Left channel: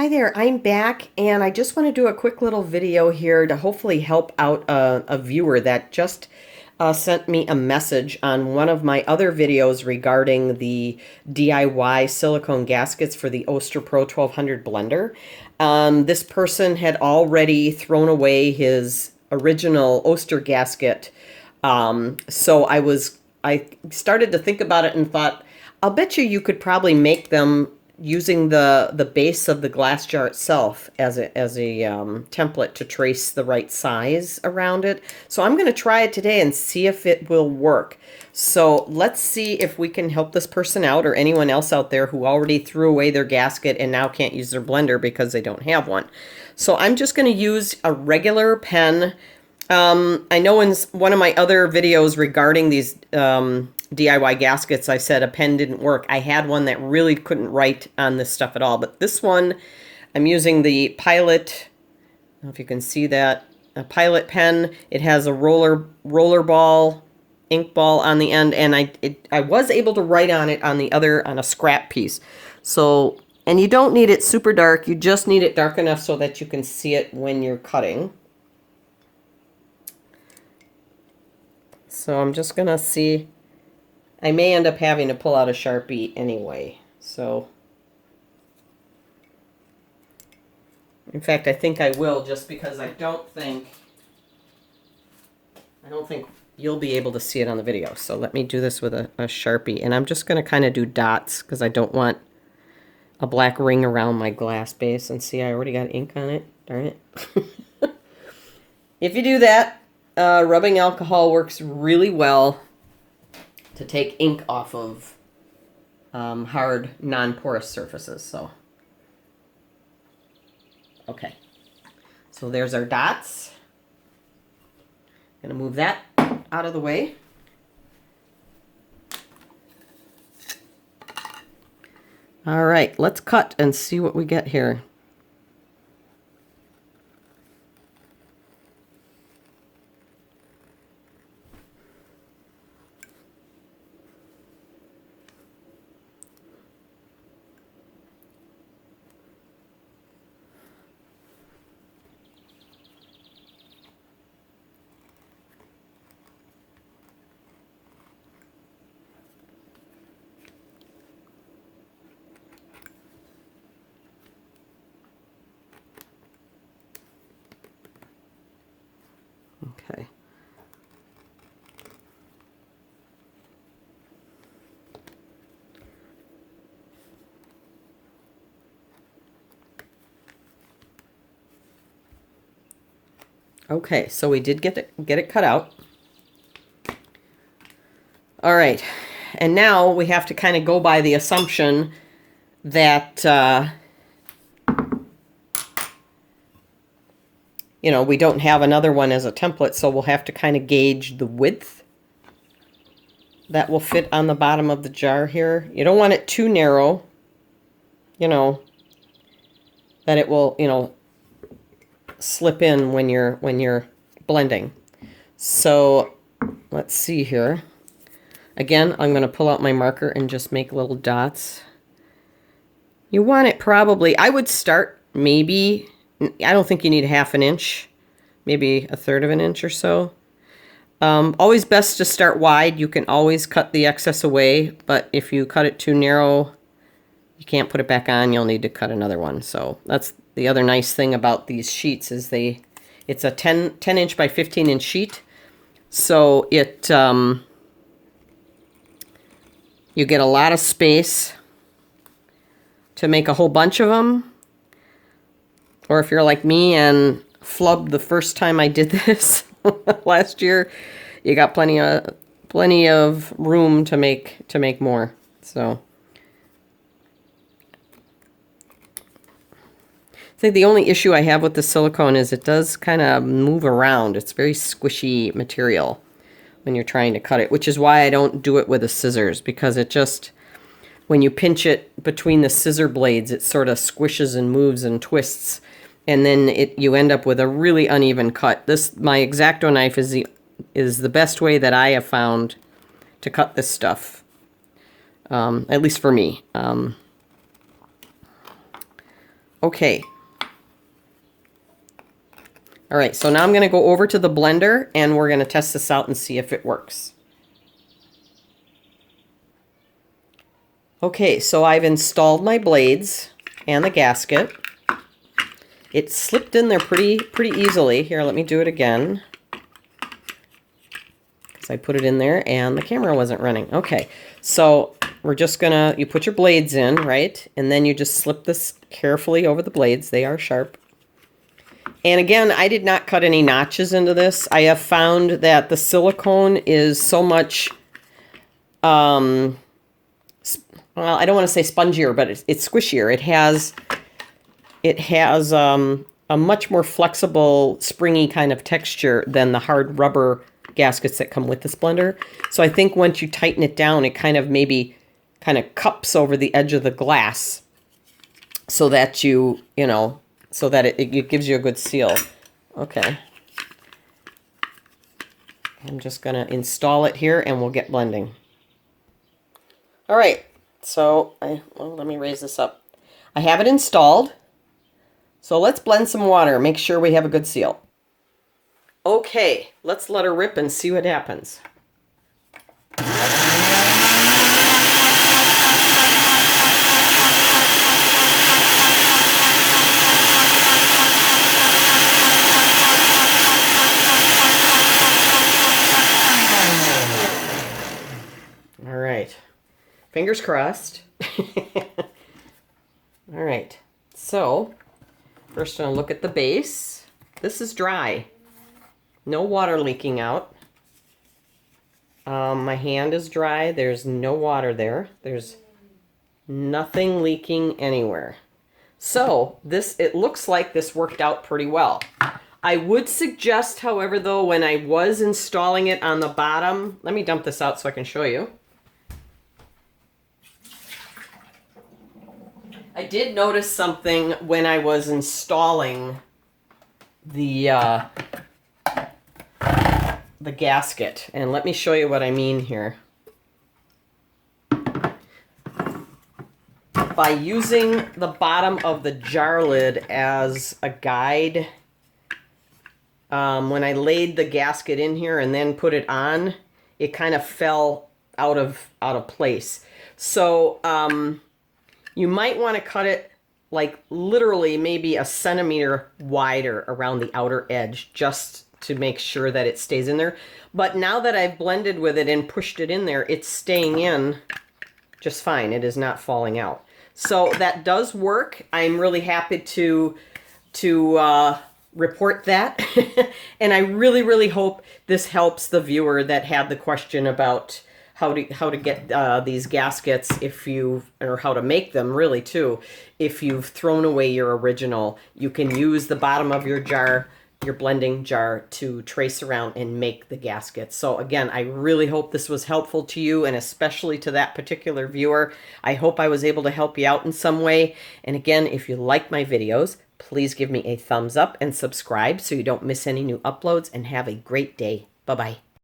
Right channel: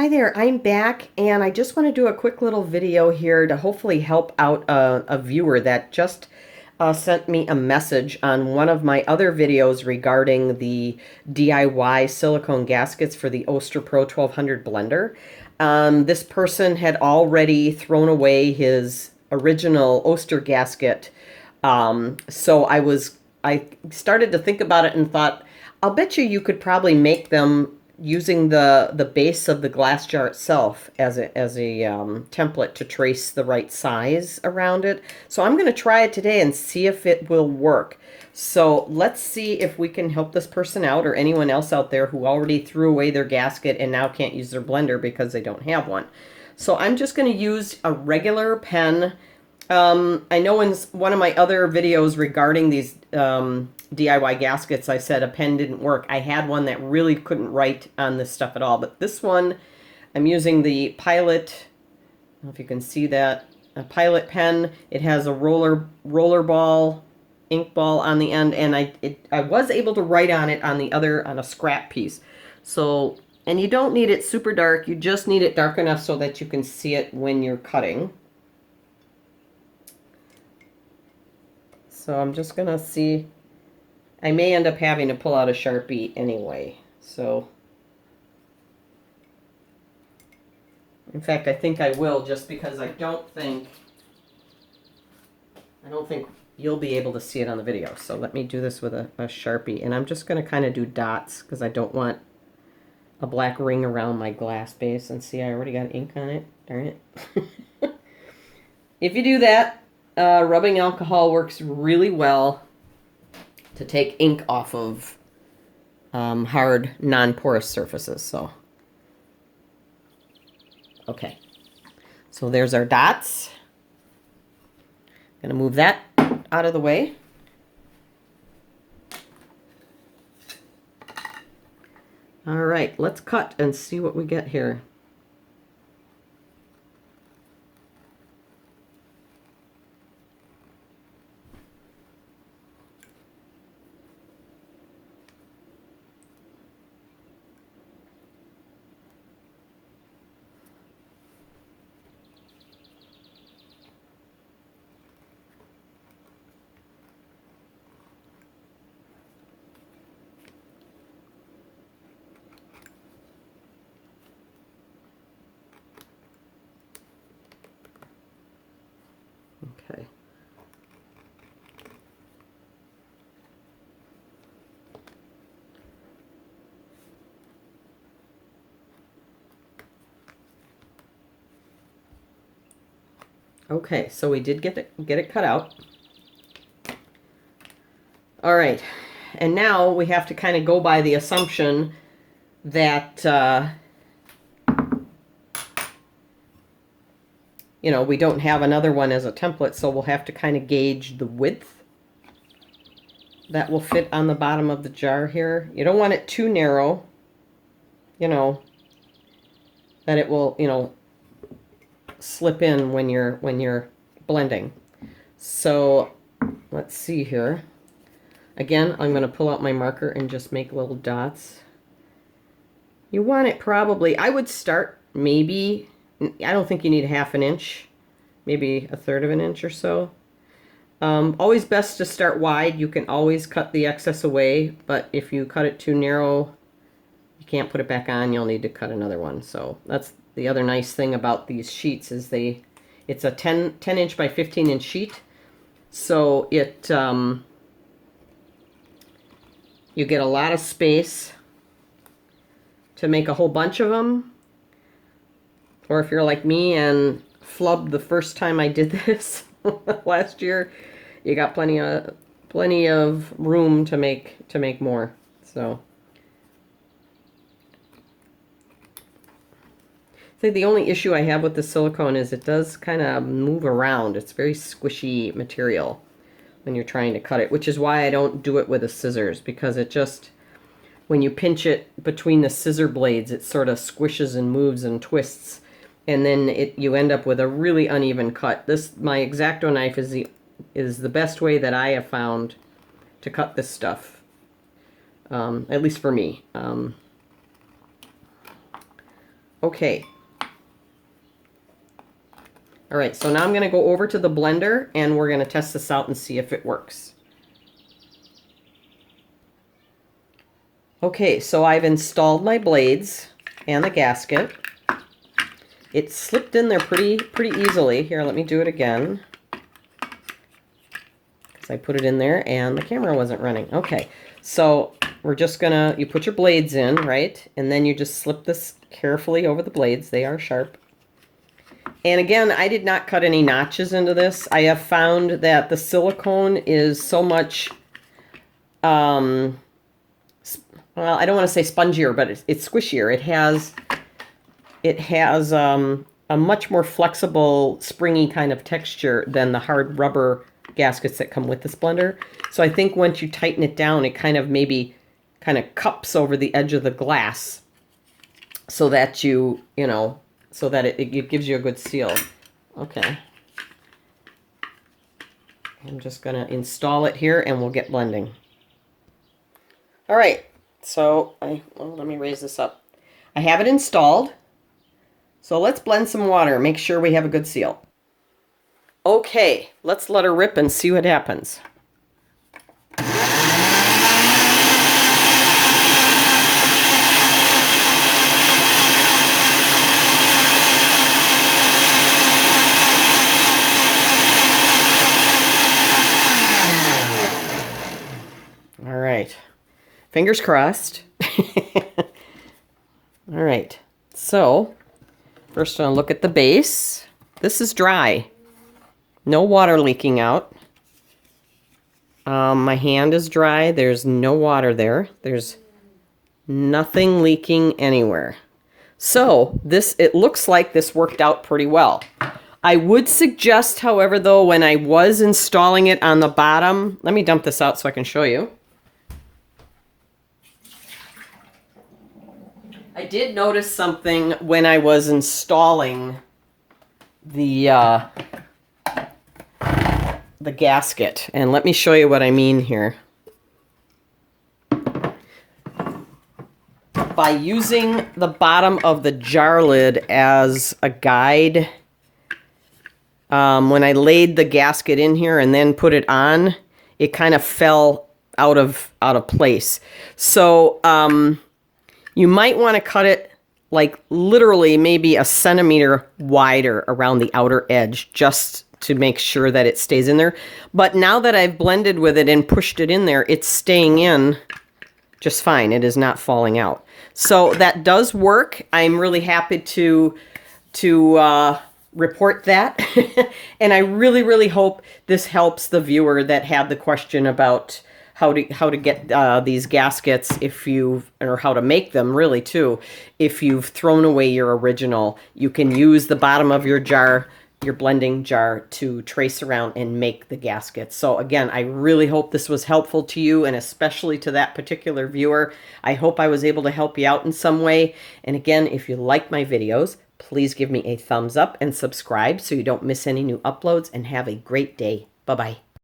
Hi there, I'm back and I just want to do a quick little video here to hopefully help out a viewer that just sent me a message on one of my other videos regarding the DIY silicone gaskets for the Oster Pro 1200 blender. This person had already thrown away his original Oster gasket, so I started to think about it and thought, I'll bet you could probably make them using the base of the glass jar itself as a template to trace the right size around it. So I'm going to try it today and see if it will work. So let's see if we can help this person out or anyone else out there who already threw away their gasket and now can't use their blender because they don't have one. So I'm just going to use a regular pen. I know in one of my other videos regarding these DIY gaskets, I said a pen didn't work. I had one that really couldn't write on this stuff at all. But this one, I'm using the Pilot, I don't know if you can see that, a Pilot pen. It has a roller ball, ink ball on the end, and I was able to write on it on a scrap piece. So, and you don't need it super dark. You just need it dark enough so that you can see it when you're cutting. So I'm just going to see. I may end up having to pull out a Sharpie anyway. So, in fact, I think I will, just because I don't think you'll be able to see it on the video. So let me do this with a Sharpie. And I'm just going to kind of do dots because I don't want a black ring around my glass base. And see, I already got ink on it. Darn it. If you do that, rubbing alcohol works really well to take ink off of hard, non-porous surfaces. So, okay. So there's our dots. Gonna move that out of the way. All right, let's cut and see what we get here. Okay. Okay, so we did get it cut out. All right, and now we have to kind of go by the assumption that you know, we don't have another one as a template, so we'll have to kind of gauge the width that will fit on the bottom of the jar here. You don't want it too narrow, you know, that it will, you know, slip in when you're blending. So let's see here. Again, I'm going to pull out my marker and just make little dots. You want it probably, I would start maybe, I don't think you need 1/2 inch, maybe 1/3 inch or so. Always best to start wide. You can always cut the excess away, but if you cut it too narrow, you can't put it back on. You'll need to cut another one. So that's the other nice thing about these sheets is it's a 10 inch by 15 inch sheet. So it, you get a lot of space to make a whole bunch of them. Or if you're like me and flubbed the first time I did this last year, you got plenty of room to make more. So I think the only issue I have with the silicone is it does kind of move around. It's very squishy material when you're trying to cut it, which is why I don't do it with the scissors, because it just, when you pinch it between the scissor blades, it sort of squishes and moves and twists, and then you end up with a really uneven cut. My X-Acto knife is the best way that I have found to cut this stuff, at least for me. Okay. All right, so now I'm going to go over to the blender and we're going to test this out and see if it works. Okay, so I've installed my blades and the gasket. It slipped in there pretty easily. Here, let me do it again. Because I put it in there and the camera wasn't running. Okay, so we're just gonna, you put your blades in, right? And then you just slip this carefully over the blades. They are sharp. And again, I did not cut any notches into this. I have found that the silicone is so much, well, I don't want to say spongier, but it's squishier. It has a much more flexible, springy kind of texture than the hard rubber gaskets that come with this blender. So I think once you tighten it down, it kind of maybe kind of cups over the edge of the glass so that you know, so that it gives you a good seal. Okay. I'm just going to install it here and we'll get blending. All right. So, well, let me raise this up. I have it installed. So let's blend some water. Make sure we have a good seal. Okay. Let's let her rip and see what happens. All right. Fingers crossed. All right. So, first I'm going to look at the base. This is dry. No water leaking out. My hand is dry. There's no water there. There's nothing leaking anywhere. So, it looks like this worked out pretty well. I would suggest, however, though, when I was installing it on the bottom, let me dump this out so I can show you. I did notice something when I was installing the gasket, and let me show you what I mean here. By using the bottom of the jar lid as a guide, when I laid the gasket in here and then put it on, it kind of fell out of place. So you might want to cut it like literally maybe a centimeter wider around the outer edge just to make sure that it stays in there. But now that I've blended with it and pushed it in there, it's staying in just fine. It is not falling out. So that does work. I'm really happy to report that. And I really hope this helps the viewer that had the question about how to get these gaskets or how to make them really too. If you've thrown away your original, you can use the bottom of your jar, your blending jar, to trace around and make the gaskets. So again, I really hope this was helpful to you, and especially to that particular viewer. I hope I was able to help you out in some way. And again, if you like my videos, please give me a thumbs up and subscribe so you don't miss any new uploads, and have a great day. Bye-bye.